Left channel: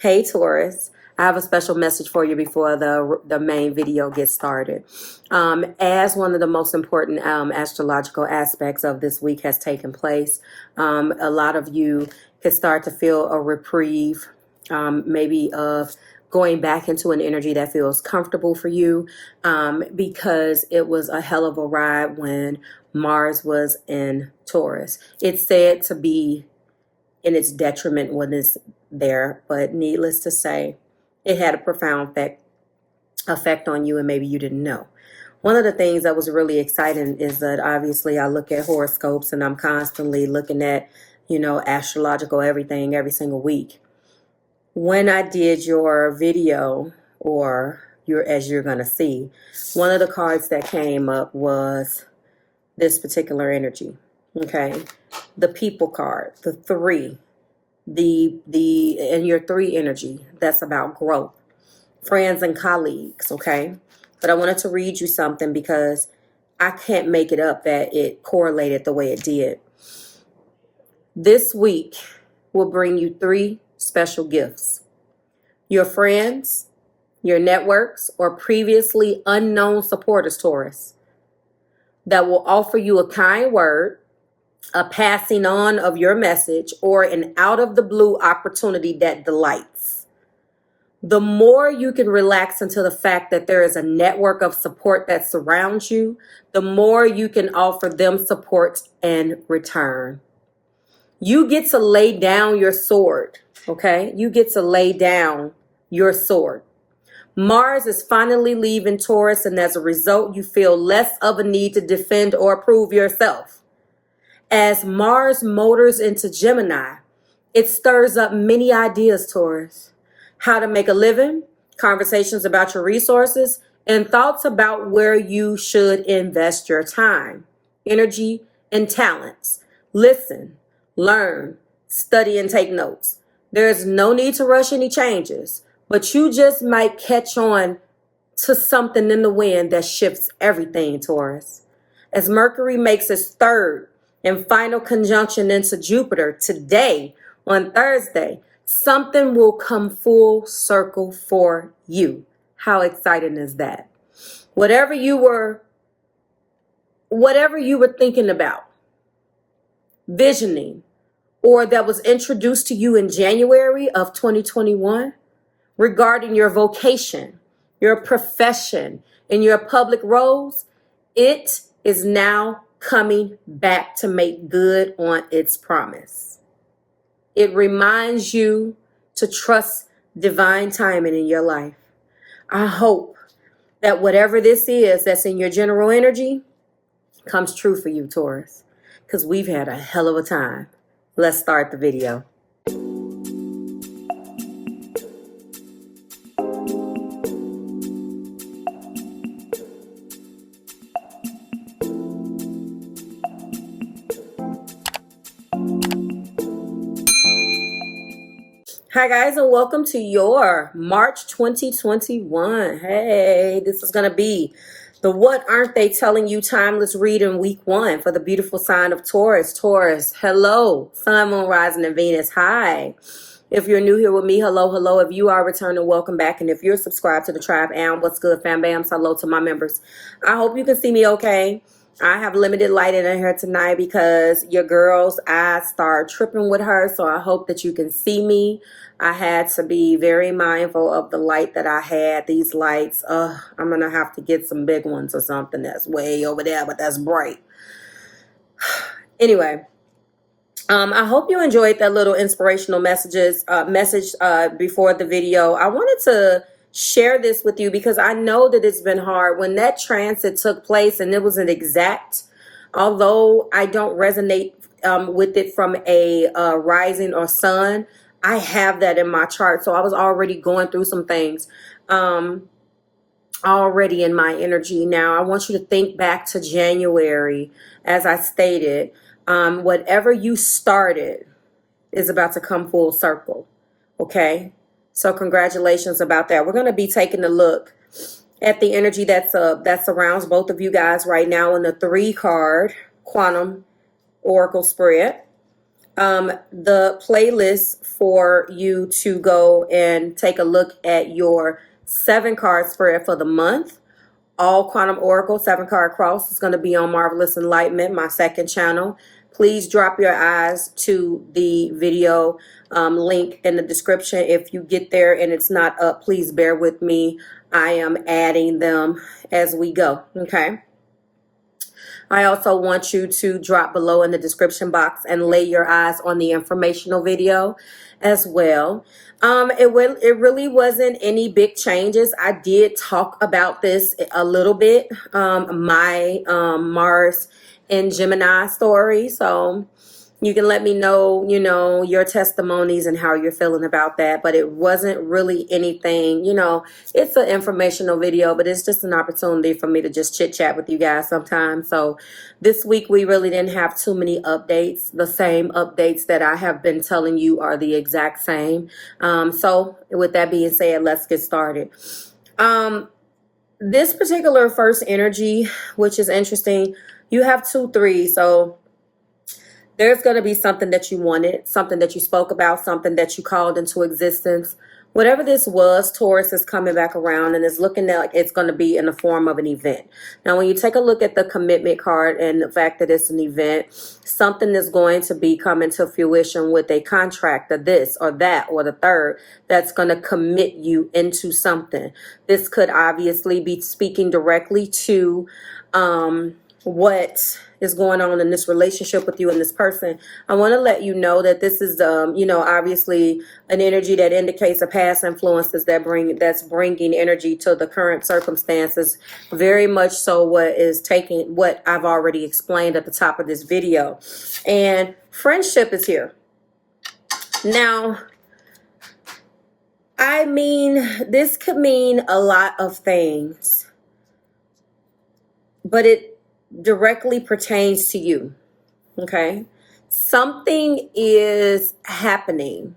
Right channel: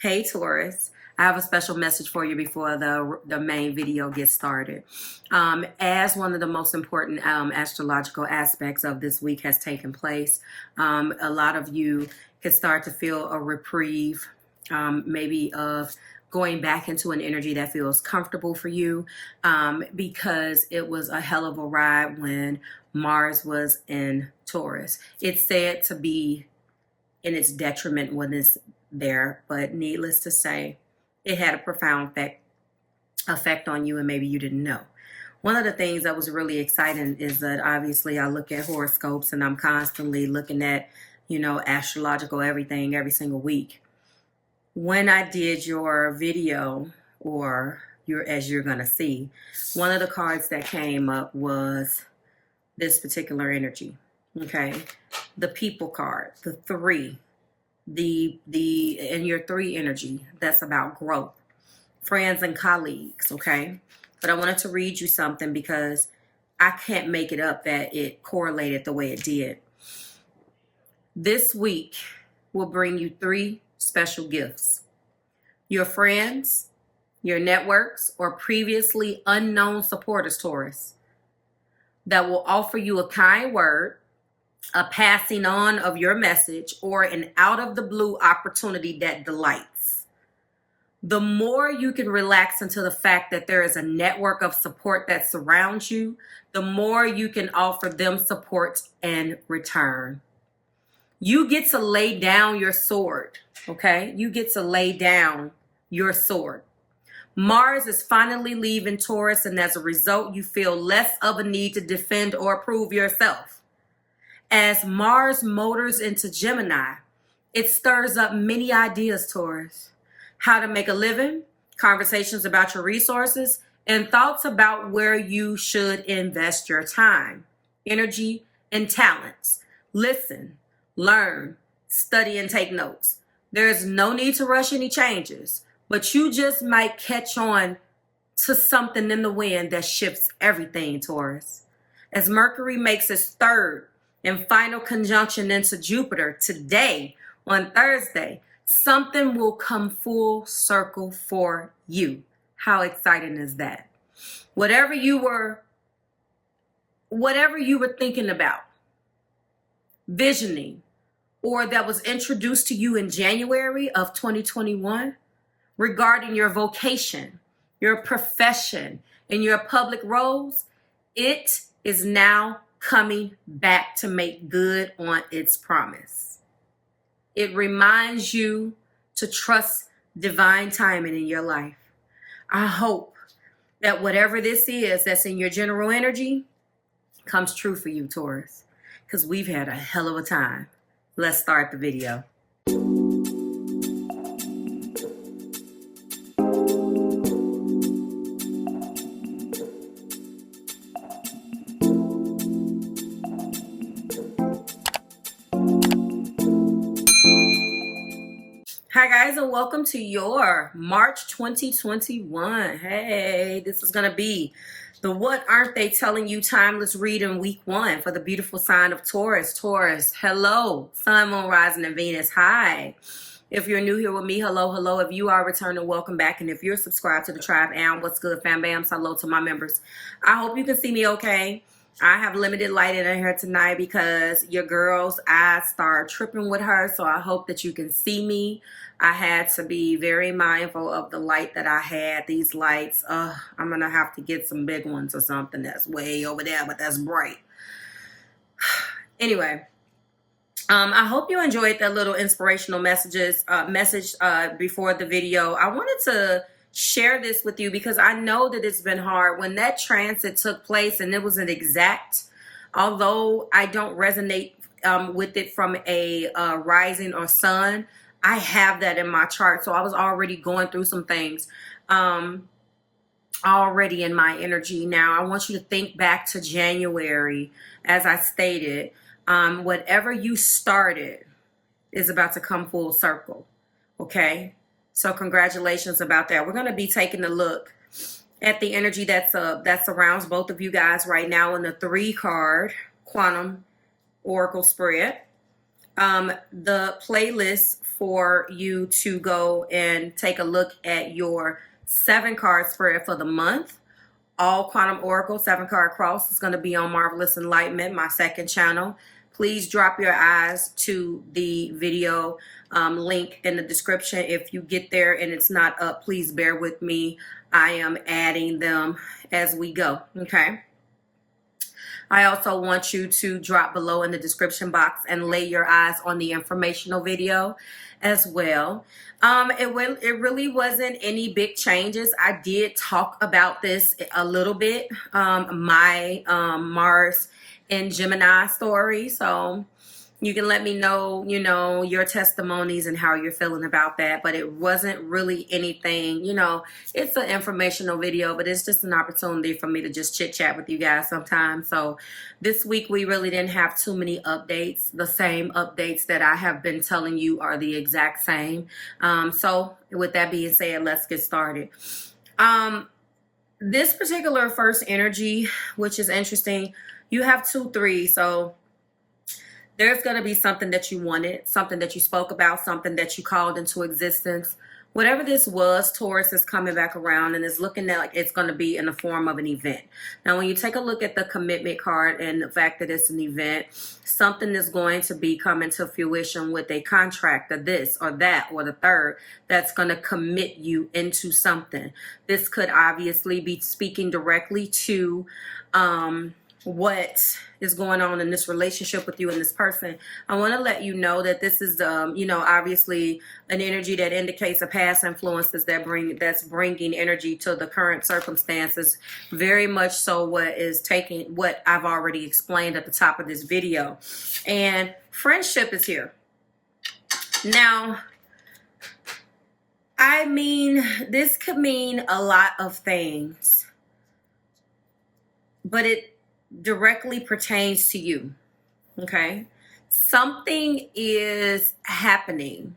Hey Taurus, I have a special message for you before the main video gets started. As one of the most important astrological aspects of this week has taken place, a lot of you can start to feel a reprieve, maybe of going back into an energy that feels comfortable for you, because it was a hell of a ride when Mars was in Taurus. It's said to be in its detriment when it's there, but needless to say, it had a profound effect on you, and maybe you didn't know. One of the things that was really exciting is that obviously I look at horoscopes and I'm constantly looking at, astrological everything every single week. When I did your video, or as you're going to see, one of the cards that came up was this particular energy. Okay. The people card, the 3, and your 3 energy, that's about growth, friends and colleagues. Okay. But I wanted to read you something because I can't make it up that it correlated the way it did. This week will bring you 3 special gifts. Your friends, your networks, or previously unknown supporters, Taurus, that will offer you a kind word, a passing on of your message, or an out-of-the-blue opportunity that delights. The more you can relax into the fact that there is a network of support that surrounds you, the more you can offer them support in return. You get to lay down your sword, okay? You get to lay down your sword. Mars is finally leaving Taurus, and as a result, you feel less of a need to defend or prove yourself. As Mars motors into Gemini, it stirs up many ideas, Taurus. How to make a living, conversations about your resources, and thoughts about where you should invest your time, energy, and talents. Listen, learn, study, and take notes. There's no need to rush any changes, but you just might catch on to something in the wind that shifts everything, Taurus. As Mercury makes its 3rd and final conjunction into Jupiter today on Thursday, something will come full circle for you. How exciting is that? Whatever you were thinking about, visioning, or that was introduced to you in January of 2021 regarding your vocation, your profession, and your public roles, it is now coming back to make good on its promise. It reminds you to trust divine timing in your life. I hope that whatever this is that's in your general energy comes true for you, Taurus, because we've had a hell of a time. Let's start the video. Hi guys, and welcome to your March 2021. Hey, this is going to be the What Aren't They Telling You Timeless Reading Week 1 for the beautiful sign of Taurus. Taurus, hello. Sun, Moon, Rising, and Venus, hi. If you're new here with me, hello, hello. If you are returning, welcome back. And if you're subscribed to the tribe, and what's good, fam bams, hello to my members. I hope you can see me okay. I have limited light in here tonight because your girl's eyes start tripping with her, so I hope that you can see me. I had to be very mindful of the light that I had. These lights, I'm going to have to get some big ones or something that's way over there, but that's bright. Anyway, I hope you enjoyed that little inspirational message before the video. I wanted to share this with you because I know that it's been hard. When that transit took place and it was an exact, although I don't resonate with it from a rising or sun, I have that in my chart. So I was already going through some things already in my energy. Now, I want you to think back to January. As I stated, whatever you started is about to come full circle. Okay? So congratulations about that. We're going to be taking a look at the energy that surrounds both of you guys right now in the 3 card quantum oracle spread. the playlist for you to go and take a look at your 7-card spread for the month. All Quantum Oracle 7-card cross is going to be on Marvelous Enlightenment, my second channel. Please drop your eyes to the video link in the description. If you get there and it's not up, please bear with me. I am adding them as we go, okay? I also want you to drop below in the description box and lay your eyes on the informational video as well. It really wasn't any big changes. I did talk about this a little bit, my Mars in Gemini story. So you can let me know, you know, your testimonies and how you're feeling about that. But it wasn't really anything, you know, it's an informational video, but it's just an opportunity for me to just chit chat with you guys sometimes. So this week we really didn't have too many updates. The same updates that I have been telling you are the exact same. So with that being said, let's get started. This particular first energy, which is interesting, you have 2 3. So there's going to be something that you wanted, something that you spoke about, something that you called into existence. Whatever this was, Taurus is coming back around and is looking like it's going to be in the form of an event. Now, when you take a look at the commitment card and the fact that it's an event, something is going to be coming to fruition with a contract or this or that or the third that's going to commit you into something. This could obviously be speaking directly to what is going on in this relationship with you and this person. I want to let you know that this is, you know, obviously an energy that indicates a past influences that's bringing energy to the current circumstances. Very much so what I've already explained at the top of this video. And friendship is here. Now, I mean, this could mean a lot of things, but it directly pertains to you, okay? Something is happening.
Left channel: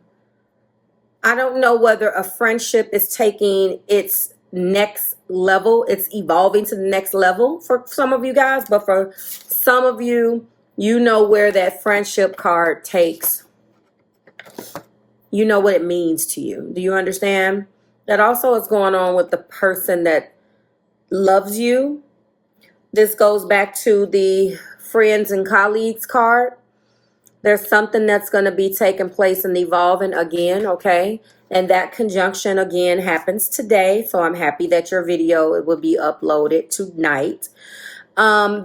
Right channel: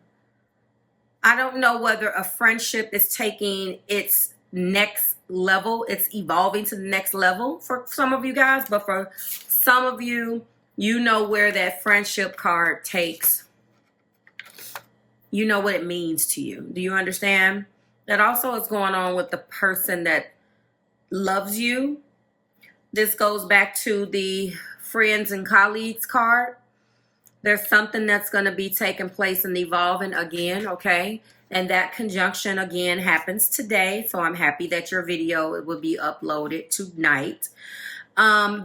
I don't know whether a friendship is taking its next level. It's evolving to the next level for some of you guys, but for some of you, you know where that friendship card takes. You know what it means to you. Do you understand? That also is going on with the person that loves you. This goes back to the friends and colleagues card. There's something that's going to be taking place and evolving again, okay? And that conjunction again happens today. So I'm happy that your video will be uploaded tonight.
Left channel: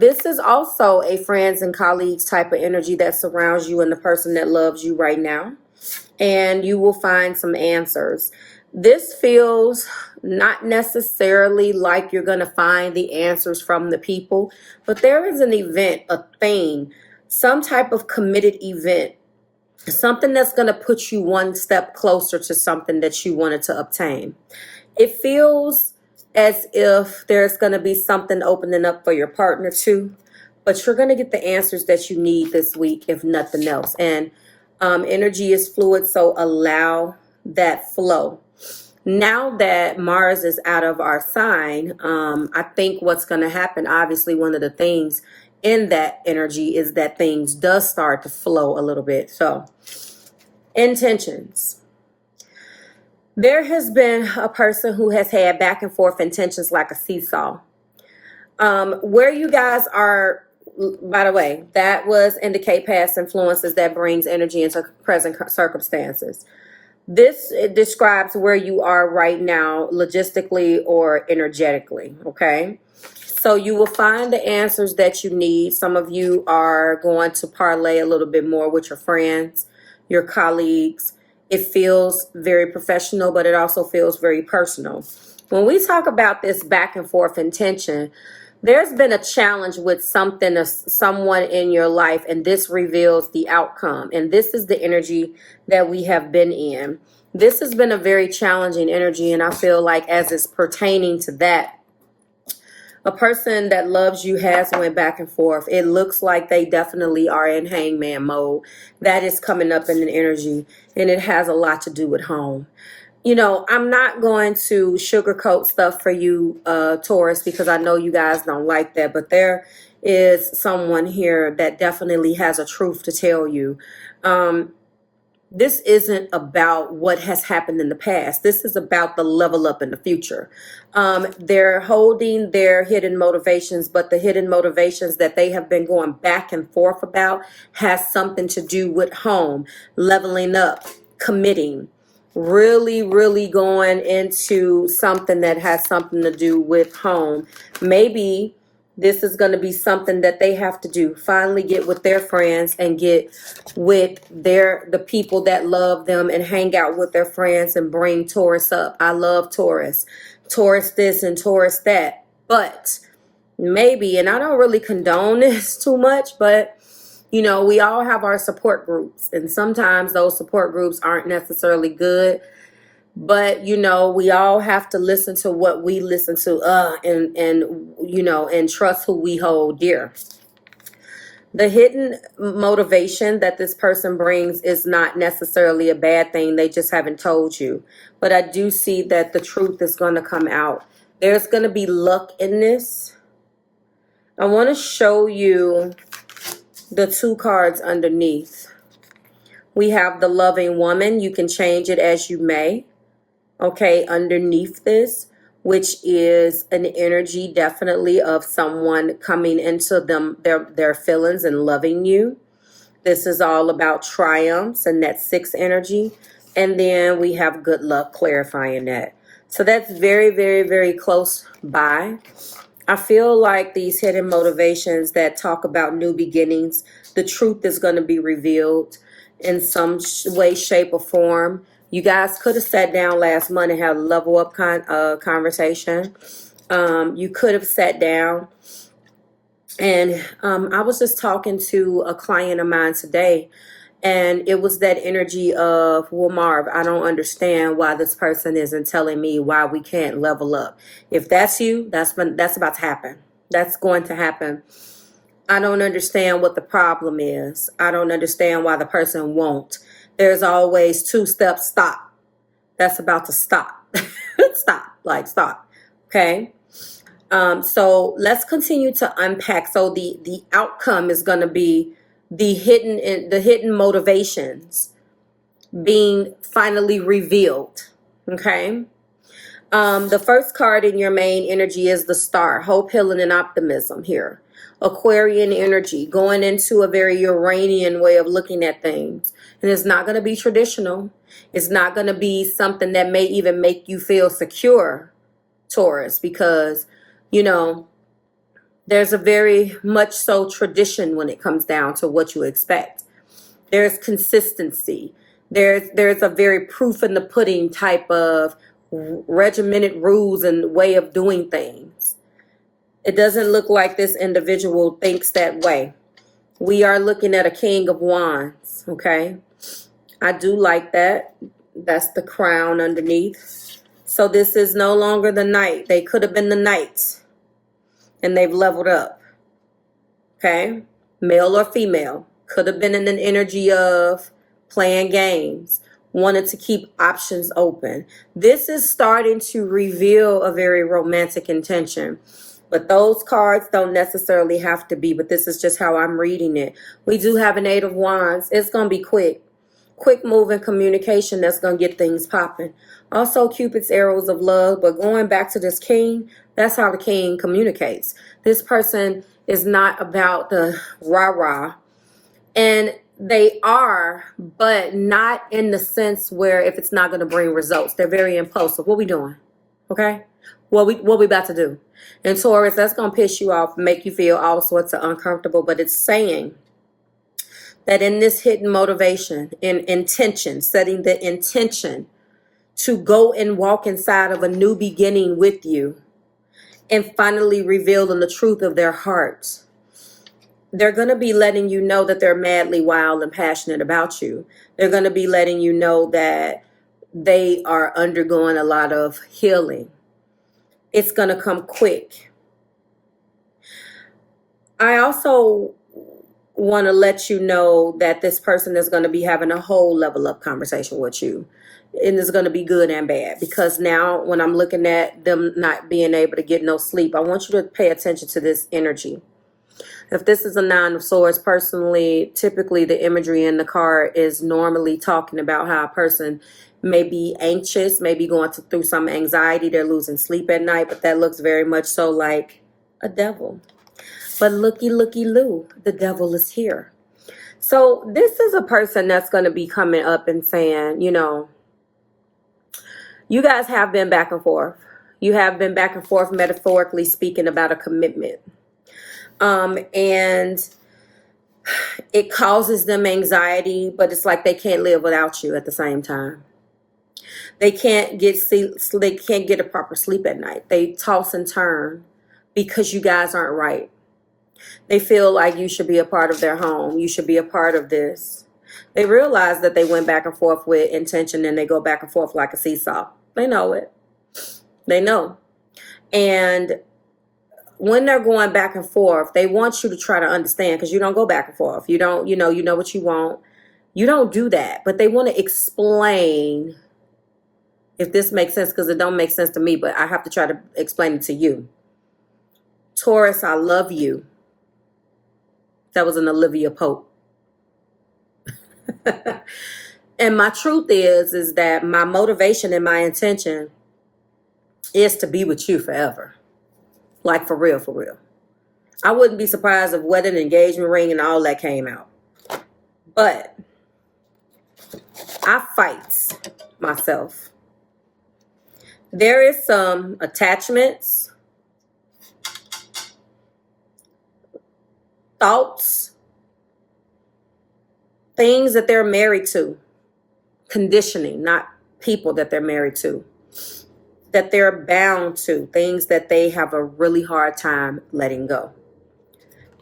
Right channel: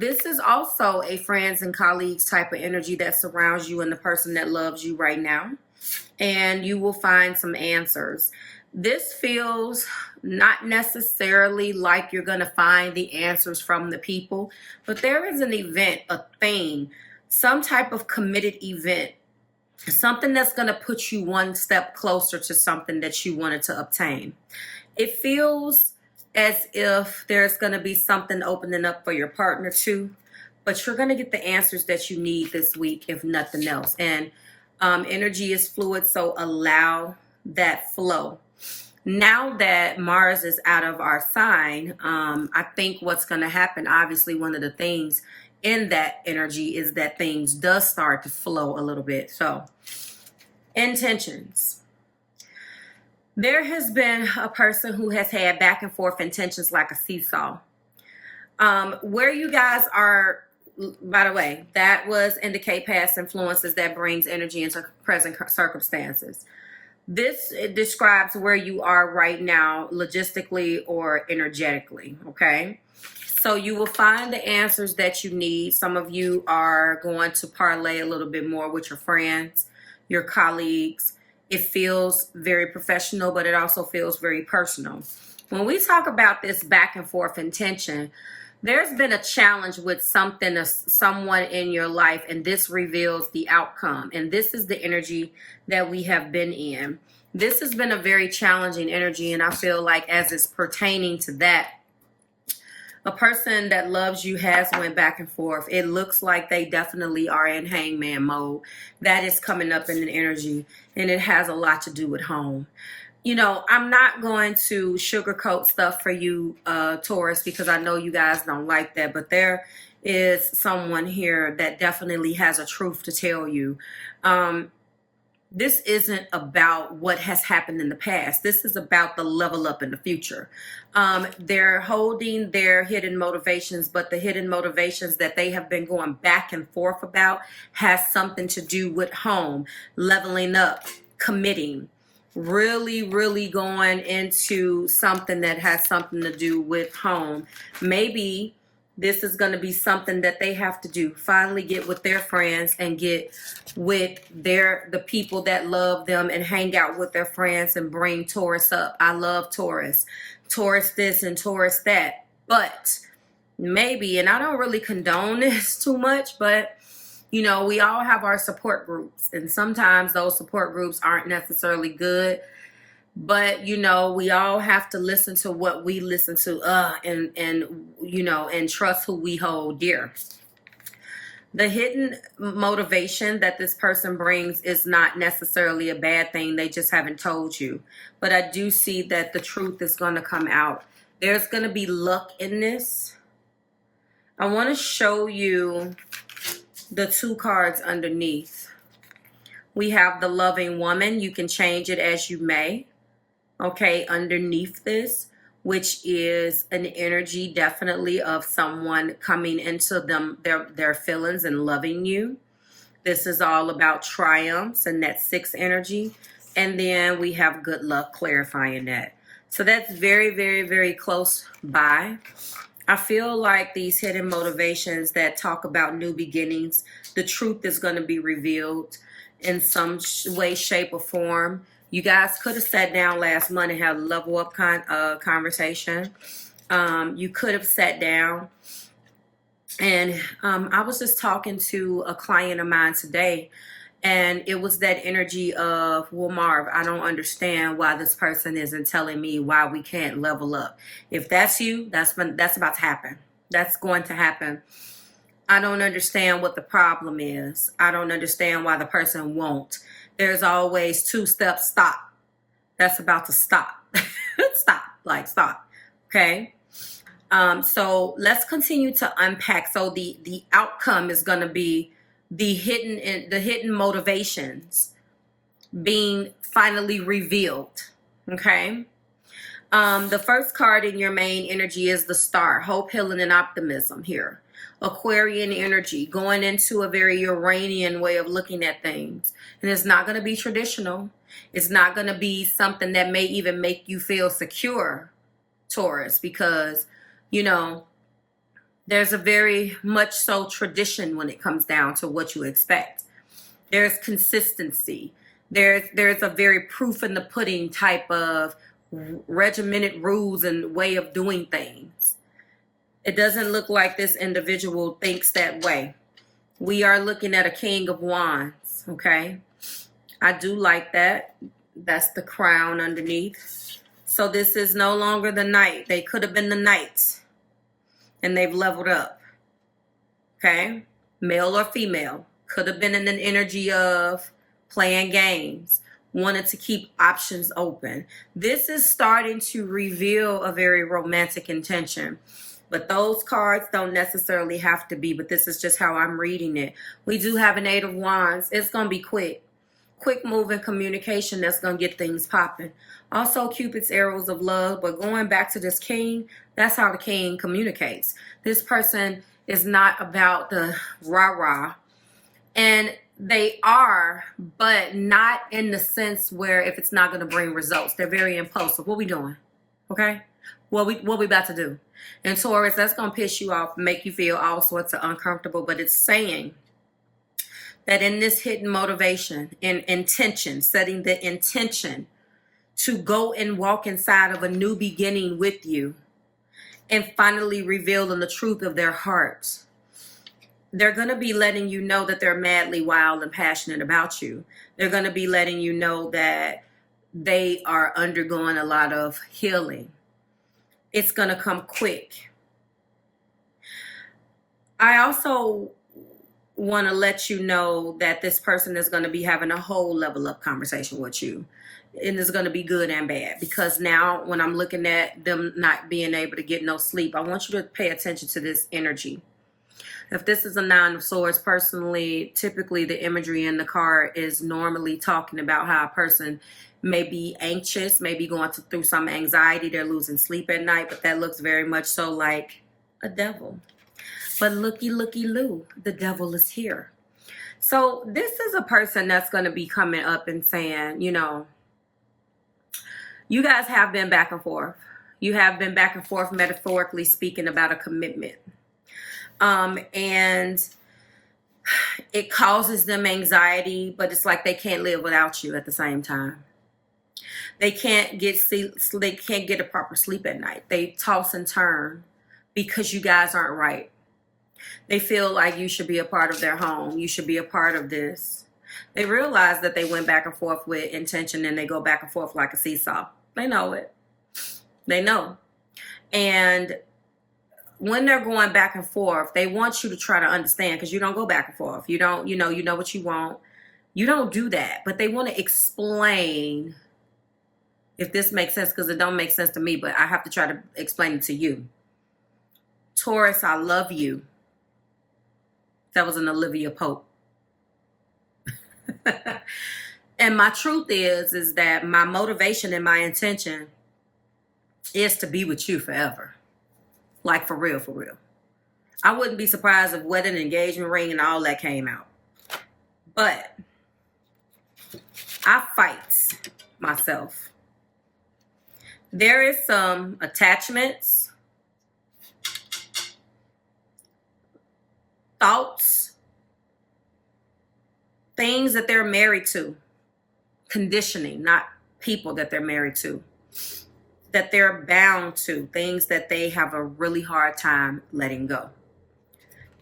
This is also a friends and colleagues type of energy that surrounds you and the person that loves you right now. And you will find some answers. This feels not necessarily like you're going to find the answers from the people, but there is an event, a thing, some type of committed event, something that's going to put you one step closer to something that you wanted to obtain. It feels as if there's going to be something opening up for your partner too, but you're going to get the answers that you need this week, if nothing else. And energy is fluid, so allow that flow. Now that Mars is out of our sign, I think what's going to happen, obviously one of the things in that energy is that things does start to flow a little bit. So, intentions. There has been a person who has had back and forth intentions like a seesaw. Where you guys are, by the way, that was indicate past influences that brings energy into present circumstances. This describes where you are right now, logistically or energetically, okay? So you will find the answers that you need. Some of you are going to parlay a little bit more with your friends, your colleagues. It feels very professional, but it also feels very personal. When we talk about this back and forth intention, there's been a challenge with something or someone in your life, and this reveals the outcome. And this is the energy that we have been in. This has been a very challenging energy, and I feel like as it's pertaining to that, a person that loves you has went back and forth. It looks like they definitely are in hangman mode. That is coming up in the energy, and it has a lot to do with home. You know, I'm not going to sugarcoat stuff for you, Taurus, because I know you guys don't like that. But there is someone here that definitely has a truth to tell you. This isn't about what has happened in the past. This is about the level up in the future. They're holding their hidden motivations, but the hidden motivations that they have been going back and forth about has something to do with home, leveling up, committing, really, really going into something that has something to do with home. Maybe this is going to be something that they have to do. Finally get with their friends and get with the people that love them and hang out with their friends and bring Taurus up. I love Taurus. Taurus this and Taurus that. But maybe, and I don't really condone this too much, but you know, we all have our support groups. And sometimes those support groups aren't necessarily good. But, you know, we all have to listen to what we listen to and you know, and trust who we hold dear. The hidden motivation that this person brings is not necessarily a bad thing. They just haven't told you. But I do see that the truth is going to come out. There's going to be luck in this. I want to show you the 2 cards underneath. We have the loving woman. You can change it as you may. Okay, underneath this, which is an energy definitely of someone coming into their feelings and loving you. This is all about triumphs and that 6 energy. And then we have good luck clarifying that. So that's very, very, very close by. I feel like these hidden motivations that talk about new beginnings, the truth is going to be revealed in some way, shape, or form. You guys could have sat down last month and had a level up conversation. You could have sat down. And I was just talking to a client of mine today. And it was that energy of, well, Marv, I don't understand why this person isn't telling me why we can't level up. If that's you, that's about to happen. That's going to happen. I don't understand what the problem is. I don't understand why the person won't. There's always 2 steps, stop. That's about to stop. Stop. Okay. So let's continue to unpack. So the outcome is going to be the hidden motivations being finally revealed. Okay. The first card in your main energy is the Star, hope, healing, and optimism here. Aquarian energy, going into a very Uranian way of looking at things. And it's not going to be traditional. It's not going to be something that may even make you feel secure, Taurus, because, you know, there's a very much so tradition when it comes down to what you expect. There's consistency. There's a very proof in the pudding type of regimented rules and way of doing things. It doesn't look like this individual thinks that way. We are looking at a King of Wands, okay? I do like that. That's the crown underneath. So this is no longer the Knight. They could have been the Knights, and they've leveled up, okay? Male or female. Could have been in an energy of playing games, wanted to keep options open. This is starting to reveal a very romantic intention. But those cards don't necessarily have to be, but this is just how I'm reading it. We do have an 8 of Wands. It's going to be quick. Quick moving communication that's going to get things popping. Also, Cupid's arrows of love. But going back to this king, that's how the king communicates. This person is not about the rah-rah. And they are, but not in the sense where if it's not going to bring results. They're very impulsive. What we doing? Okay? What we about to do? And Taurus, that's going to piss you off, make you feel all sorts of uncomfortable. But it's saying that in this hidden motivation, in intention, setting the intention to go and walk inside of a new beginning with you and finally revealing the truth of their hearts. They're going to be letting you know that they're madly wild and passionate about you. They're going to be letting you know that they are undergoing a lot of healing. It's going to come quick. I also want to let you know that this person is going to be having a whole level up conversation with you. And it's going to be good and bad. Because now when I'm looking at them not being able to get no sleep, I want you to pay attention to this energy. If this is a Nine of Swords, personally, typically the imagery in the card is normally talking about how a person may be anxious, maybe going through some anxiety. They're losing sleep at night, but that looks very much so like a devil. But looky, looky, loo, the devil is here. So this is a person that's going to be coming up and saying, you know, you guys have been back and forth. You have been back and forth, metaphorically speaking, about a commitment. And it causes them anxiety, but it's like they can't live without you at the same time. They can't get a proper sleep at night. They toss and turn because you guys aren't right. They feel like you should be a part of their home. You should be a part of this. They realize that they went back and forth with intention, and they go back and forth like a seesaw. They know it. They know. And when they're going back and forth, they want you to try to understand, because you don't go back and forth. You don't, you know what you want. You don't do that. But they want to explain, if this makes sense, because it don't make sense to me, but I have to try to explain it to you. Taurus, I love you. That was an Olivia Pope. And my truth is that my motivation and my intention is to be with you forever. Like, for real, for real. I wouldn't be surprised if wedding, engagement ring, and all that came out. But I fight myself. There is some attachments, thoughts, things that they're married to, conditioning, not people that they're married to, that they're bound to, things that they have a really hard time letting go.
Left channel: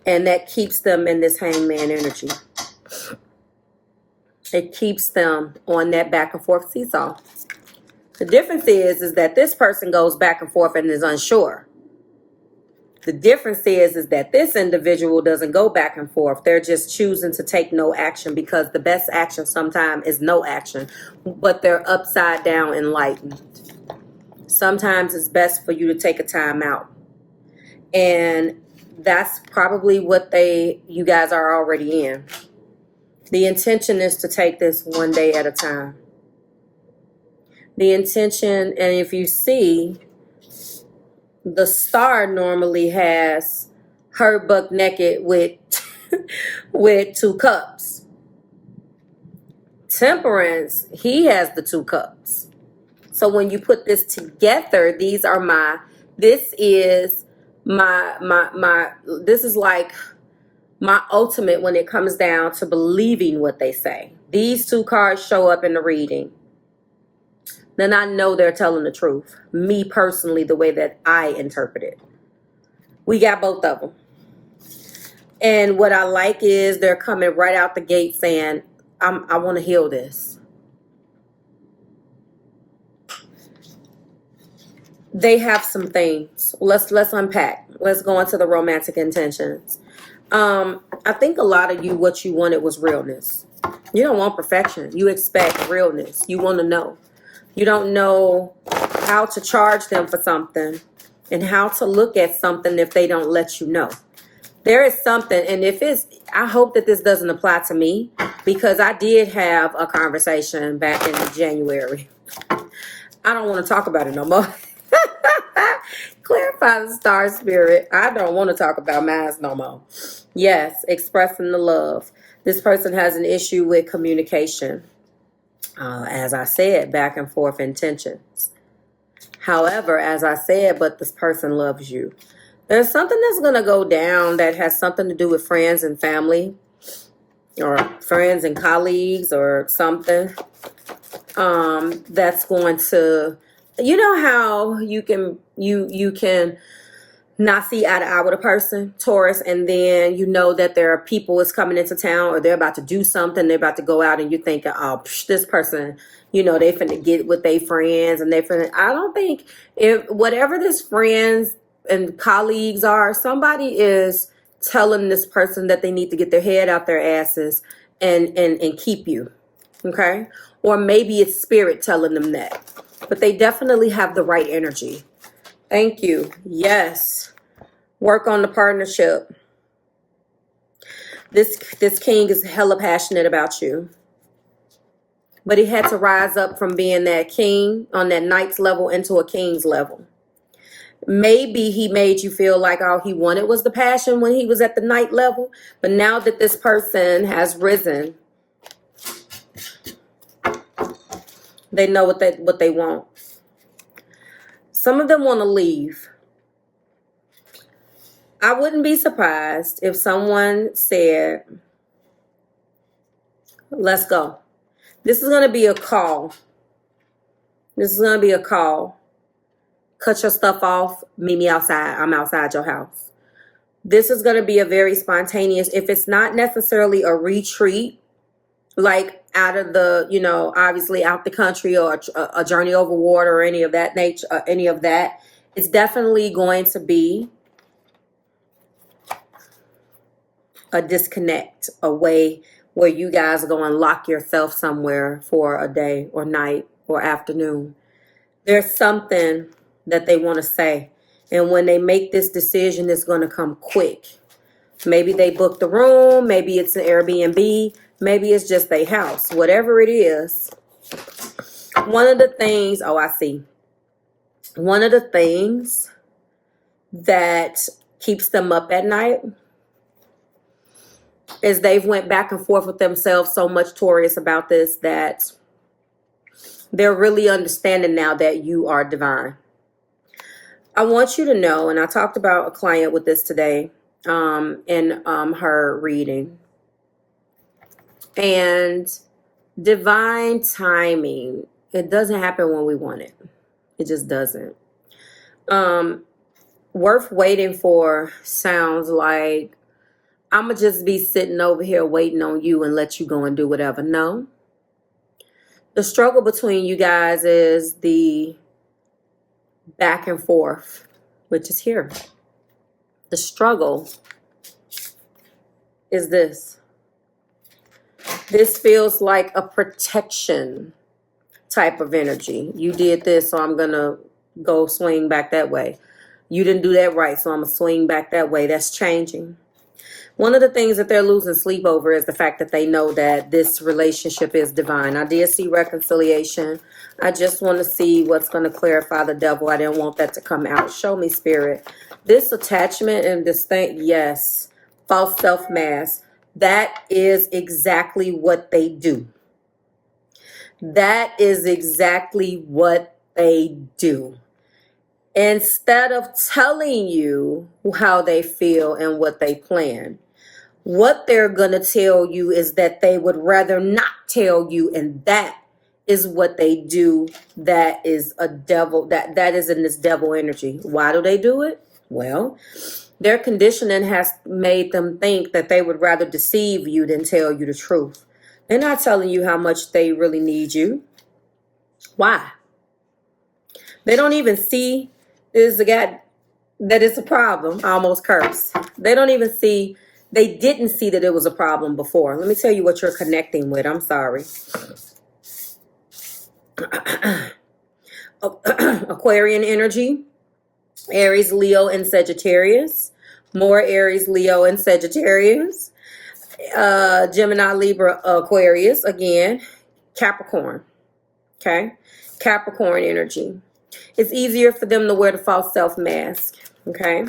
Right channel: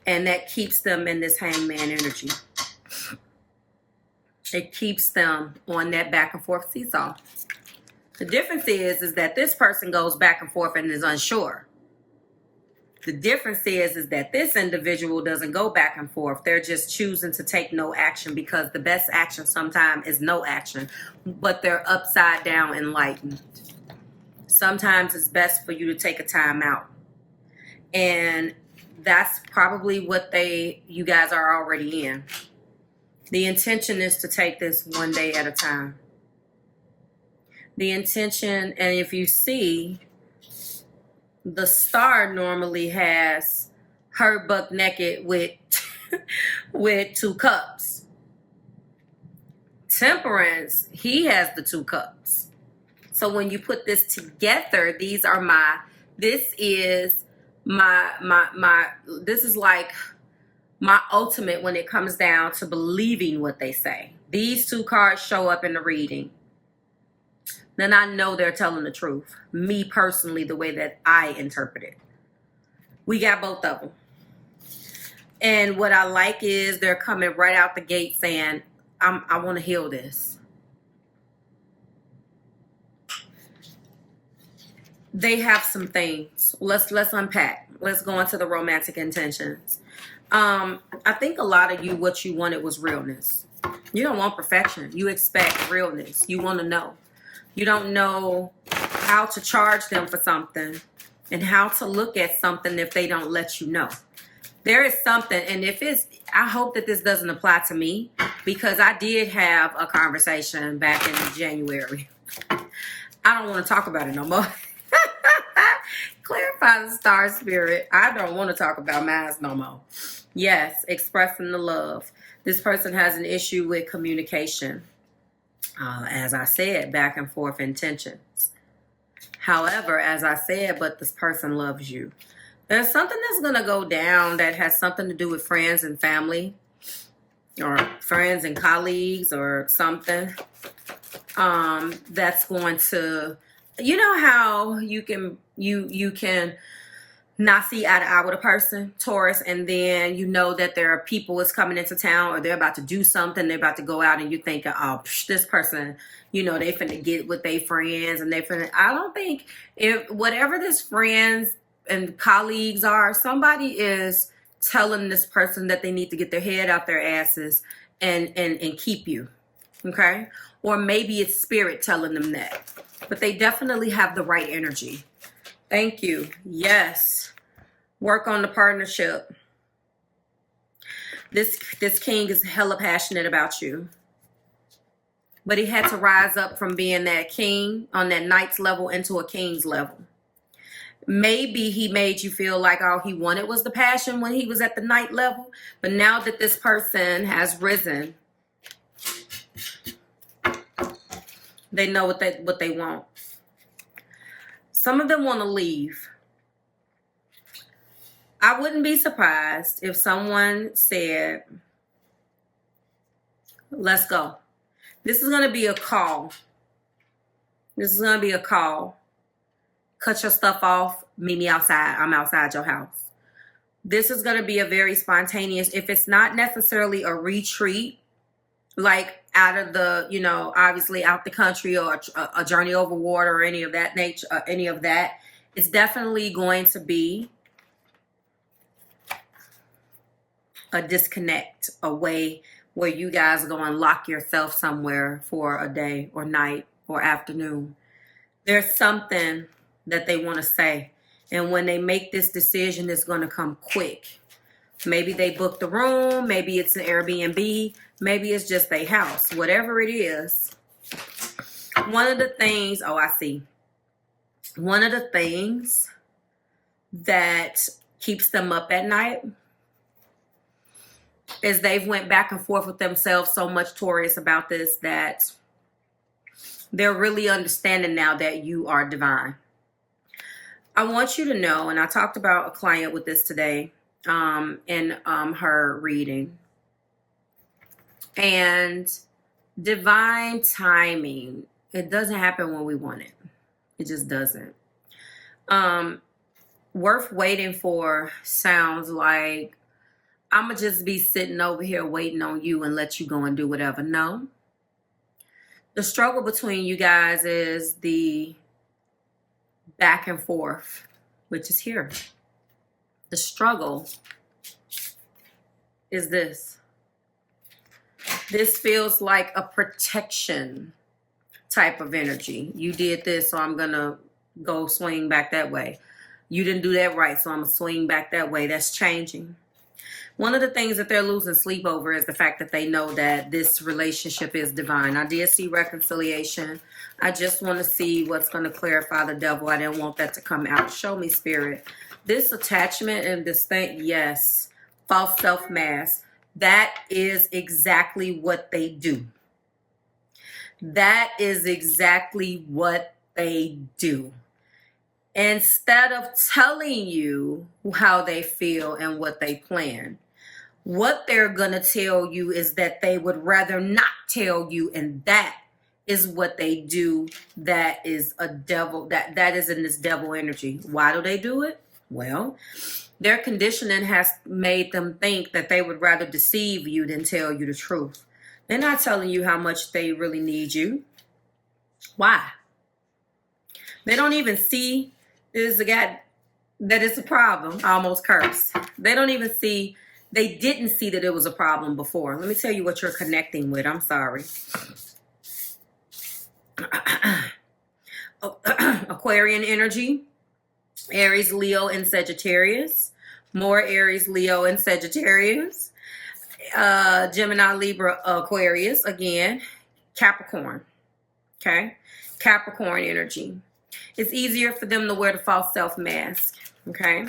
And that keeps them in this hangman energy. It keeps them on that back and forth seesaw. The difference is that this person goes back and forth and is unsure. The difference is that this individual doesn't go back and forth. They're just choosing to take no action, because the best action sometimes is no action, but they're upside down enlightened. Sometimes it's best for you to take a time out. And that's probably what you guys are already in. The intention is to take this one day at a time. The intention, and if you see, the star normally has her buck naked with with 2 cups. Temperance, he has the 2 cups. So when you put this together, this is like my ultimate when it comes down to believing what they say. These 2 cards show up in the reading. Then I know they're telling the truth. Me personally, the way that I interpret it. We got both of them. And what I like is they're coming right out the gate saying, I want to heal this. They have some things. Let's unpack. Let's go into the romantic intentions. I think a lot of you, what you wanted was realness. You don't want perfection. You expect realness. You want to know. You don't know how to charge them for something and how to look at something if they don't let you know. There is something, and I hope that this doesn't apply to me, because I did have a conversation back in January. I don't want to talk about it no more. Clarify the star spirit. I don't want to talk about mine no more. Yes, expressing the love. This person has an issue with communication. As I said, back and forth intentions. However, as I said, but this person loves you. There's something that's going to go down that has something to do with friends and family, or friends and colleagues, or something. That's going to, you know how you can not see eye to eye with a person, Taurus, and then you know that there are people is coming into town, or they're about to do something, they're about to go out, and you think, oh, this person, they finna get with their friends, and I don't think, if whatever this friends and colleagues are, somebody is telling this person that they need to get their head out their asses and keep you, okay? Or maybe it's spirit telling them that, but they definitely have the right energy. Thank you. Yes. Work on the partnership. This king is hella passionate about you. But he had to rise up from being that king on that knight's level into a king's level. Maybe he made you feel like all he wanted was the passion when he was at the knight level. But now that this person has risen, they know what they want. Some of them want to leave. I wouldn't be surprised if someone said, let's go. This is going to be a call. This is going to be a call. Cut your stuff off. Meet me outside. I'm outside your house. This is going to be a very spontaneous, if it's not necessarily a retreat, like out of the, you know, obviously out the country, or a journey over water or any of that nature, any of that, it's definitely going to be a disconnect, a way where you guys are going to lock yourself somewhere for a day or night or afternoon. There's something that they want to say. And when they make this decision, it's going to come quick. Maybe they booked a room. Maybe it's an Airbnb. Maybe it's just their house. Whatever it is. One of the things, oh, I see. One of the things that keeps them up at night is they've went back and forth with themselves so much, Taurus, about this, that they're really understanding now that you are divine. I want you to know, and I talked about a client with this today in her reading. And divine timing, it doesn't happen when we want it. It just doesn't. Worth waiting for sounds like, I'm going to just be sitting over here waiting on you and let you go and do whatever. No. The struggle between you guys is the back and forth, which is here. The struggle is this. This feels like a protection type of energy. You did this, so I'm going to go swing back that way. You didn't do that right, so I'm going to swing back that way. That's changing. One of the things that they're losing sleep over is the fact that they know that this relationship is divine. I did see reconciliation. I just want to see what's going to clarify the devil. I didn't want that to come out. Show me, Spirit. This attachment and this thing, yes. False self-mask. That is exactly what they do. That is exactly what they do. Instead of telling you how they feel and what they plan, what they're going to tell you is that they would rather not tell you, and that is what they do. That is a devil, that is in this devil energy. Why do they do it? Well, their conditioning has made them think that they would rather deceive you than tell you the truth. They're not telling you how much they really need you. Why? They don't even see is a guy that it's a problem. I almost cursed. They don't even see, they didn't see that it was a problem before. Let me tell you what you're connecting with. I'm sorry. Aquarian energy, Aries, Leo, and Sagittarius. More Aries, Leo, and Sagittarius. Gemini, Libra, Aquarius. Again, Capricorn. Okay? Capricorn energy. It's easier for them to wear the false self mask, okay?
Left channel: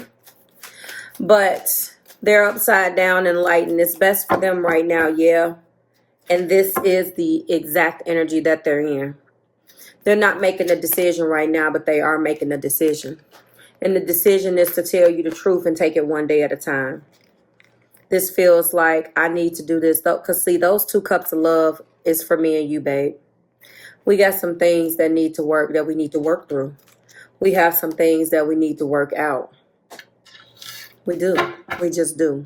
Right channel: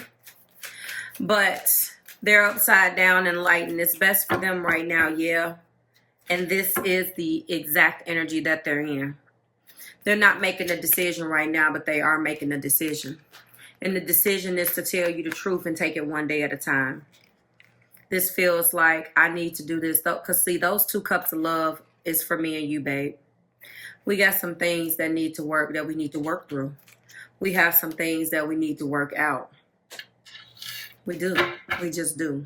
But they're upside down and light, and it's best for them right now, yeah. And this is the exact energy that they're in. They're not making a decision right now, but they are making a decision. And the decision is to tell you the truth and take it one day at a time. This feels like I need to do this, though, because see, those 2 cups of love is for me and you, babe. We got some things that need to work, that we need to work through. We have some things that we need to work out. We do. We just do.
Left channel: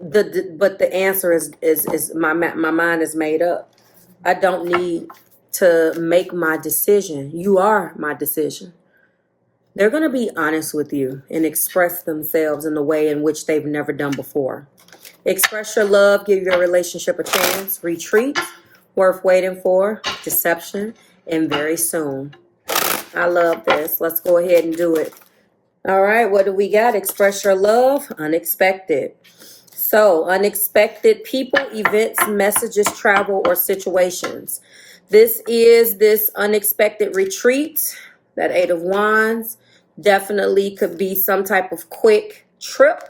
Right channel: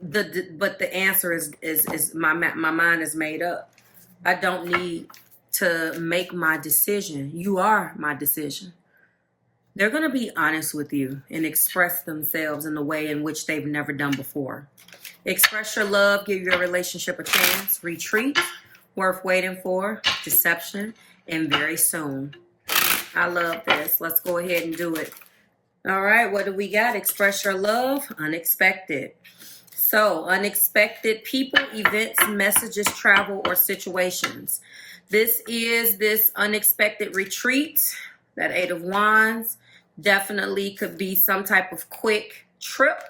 But the answer is my mind is made up. I don't need to make my decision. You are my decision. They're going to be honest with you and express themselves in the way in which they've never done before. Express your love, give your relationship a chance, retreat, worth waiting for, deception, and very soon. I love this. Let's go ahead and do it. All right, what do we got? Express your love. Unexpected. So, unexpected people, events, messages, travel, or situations. This is this unexpected retreat. That Eight of Wands definitely could be some type of quick trip.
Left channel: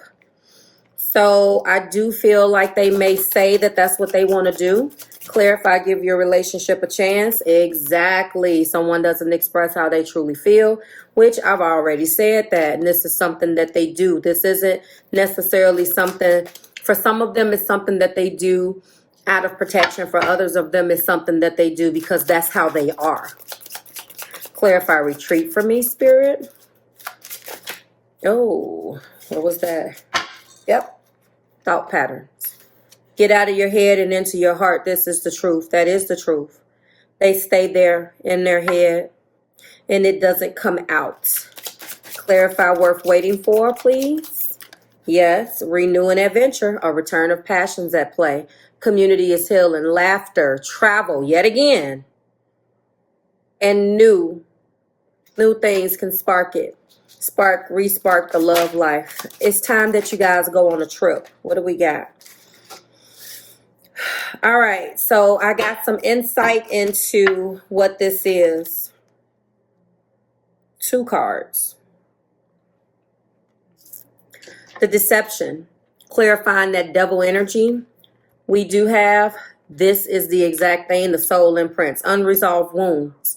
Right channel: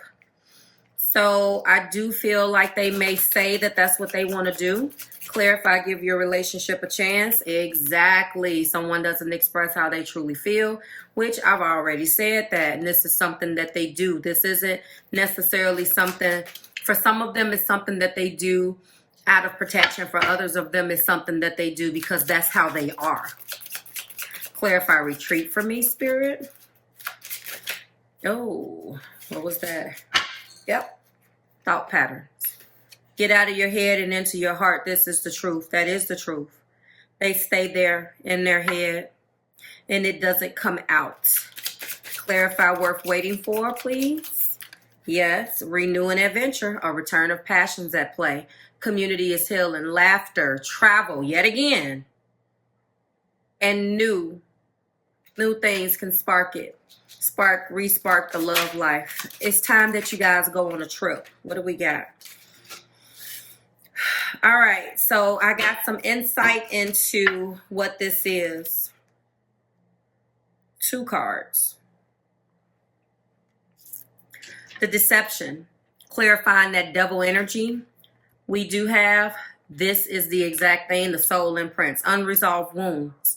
So I do feel like they may say that that's what they want to do. Clarify, give your relationship a chance. Exactly. Someone doesn't express how they truly feel, which I've already said that. And this is something that they do. This isn't necessarily something, for some of them, it's something that they do out of protection. For others of them, it's something that they do because that's how they are. Clarify, retreat for me, Spirit. Oh, what was that? Yep. Thought patterns. Get out of your head and into your heart. This is the truth. That is the truth. They stay there in their head and it doesn't come out. Clarify, worth waiting for, please. Yes, renew an adventure, a return of passions at play. Community is healing, laughter, travel, yet again. And new things can spark it. Re-spark the love life. It's time that you guys go on a trip. What do we got? All right, so I got some insight into what this is. 2 cards. The deception, clarifying that double energy. We do have, this is the exact thing, the soul imprints, unresolved wounds.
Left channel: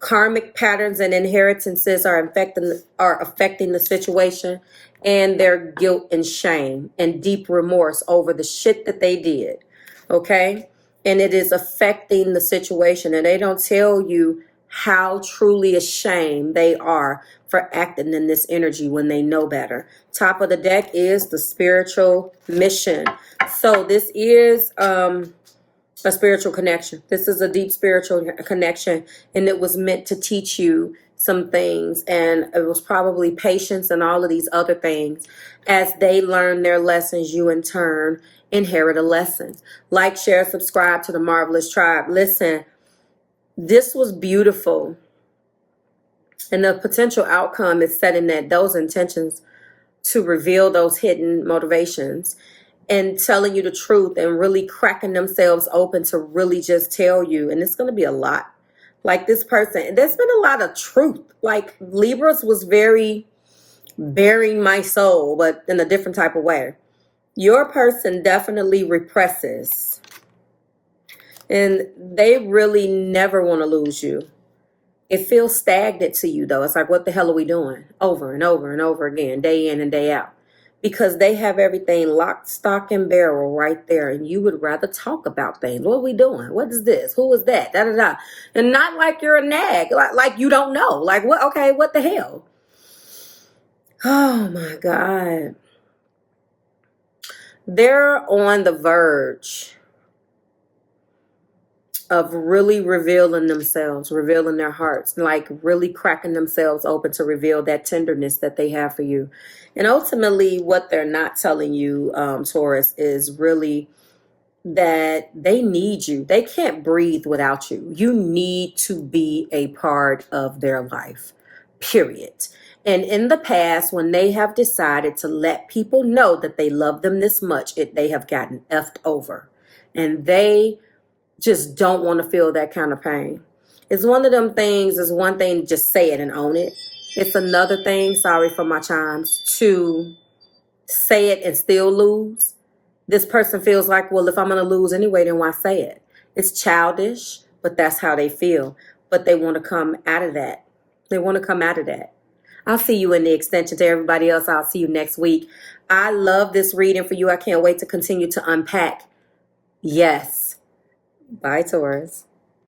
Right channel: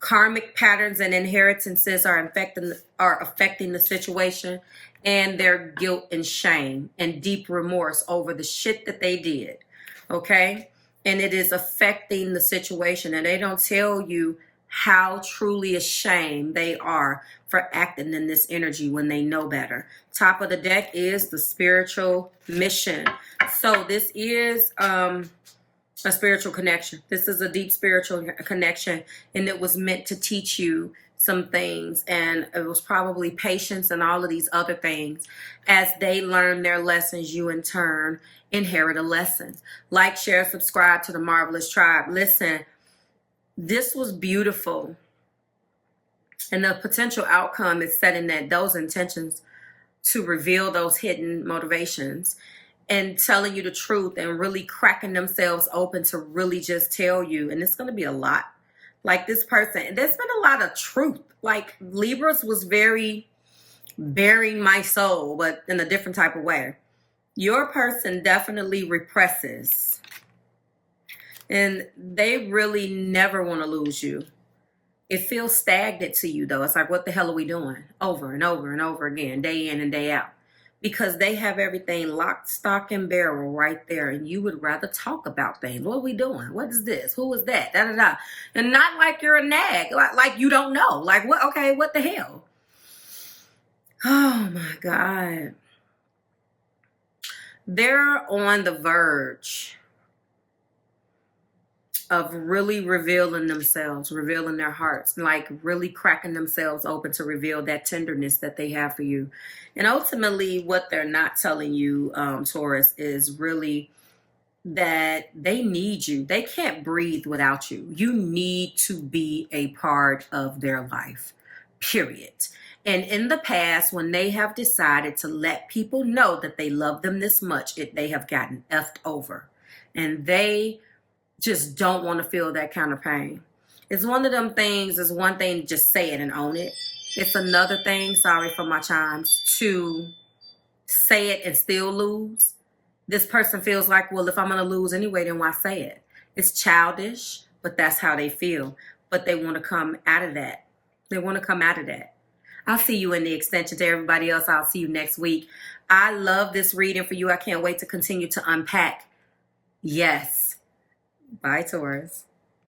Karmic patterns and inheritances are affecting the situation, and their guilt and shame and deep remorse over the shit that they did. Okay? And it is affecting the situation, and they don't tell you how truly ashamed they are for acting in this energy when they know better. Top of the deck is the spiritual mission. So this is a spiritual connection. This is a deep spiritual connection, and it was meant to teach you some things, and it was probably patience and all of these other things. As they learn their lessons, you in turn inherit a lesson. Like, share, subscribe to the Marvelous Tribe. Listen, this was beautiful, and the potential outcome is setting those intentions to reveal those hidden motivations and telling you the truth and really cracking themselves open to really just tell you. And it's going to be a lot. Like this person, there's been a lot of truth. Like Libras was very bearing my soul, but in a different type of way. Your person definitely represses. And they really never want to lose you. It feels stagnant to you, though. It's like, what the hell are we doing? Over and over and over again, day in and day out. Because they have everything locked, stock, and barrel right there. And you would rather talk about things. What are we doing? What is this? Who is that? Da, da, da. And not like you're a nag. Like you don't know. Like, what? Okay, what the hell? Oh, my God. They're on the verge of really revealing themselves, revealing their hearts, like really cracking themselves open to reveal that tenderness that they have for you. And ultimately, what they're not telling you, Taurus, is really that they need you. They can't breathe without you. You need to be a part of their life, period. And in the past, when they have decided to let people know that they love them this much, they have gotten effed over. And they just don't want to feel that kind of pain. It's one of them things, it's one thing to just say it and own it. It's another thing, sorry for my chimes, to say it and still lose. This person feels like, well, if I'm going to lose anyway, then why say it? It's childish, but that's how they feel. But they want to come out of that. They want to come out of that. I'll see you in the extension. To everybody else, I'll see you next week. I love this reading for you. I can't wait to continue to unpack. Yes. Bye, Taurus.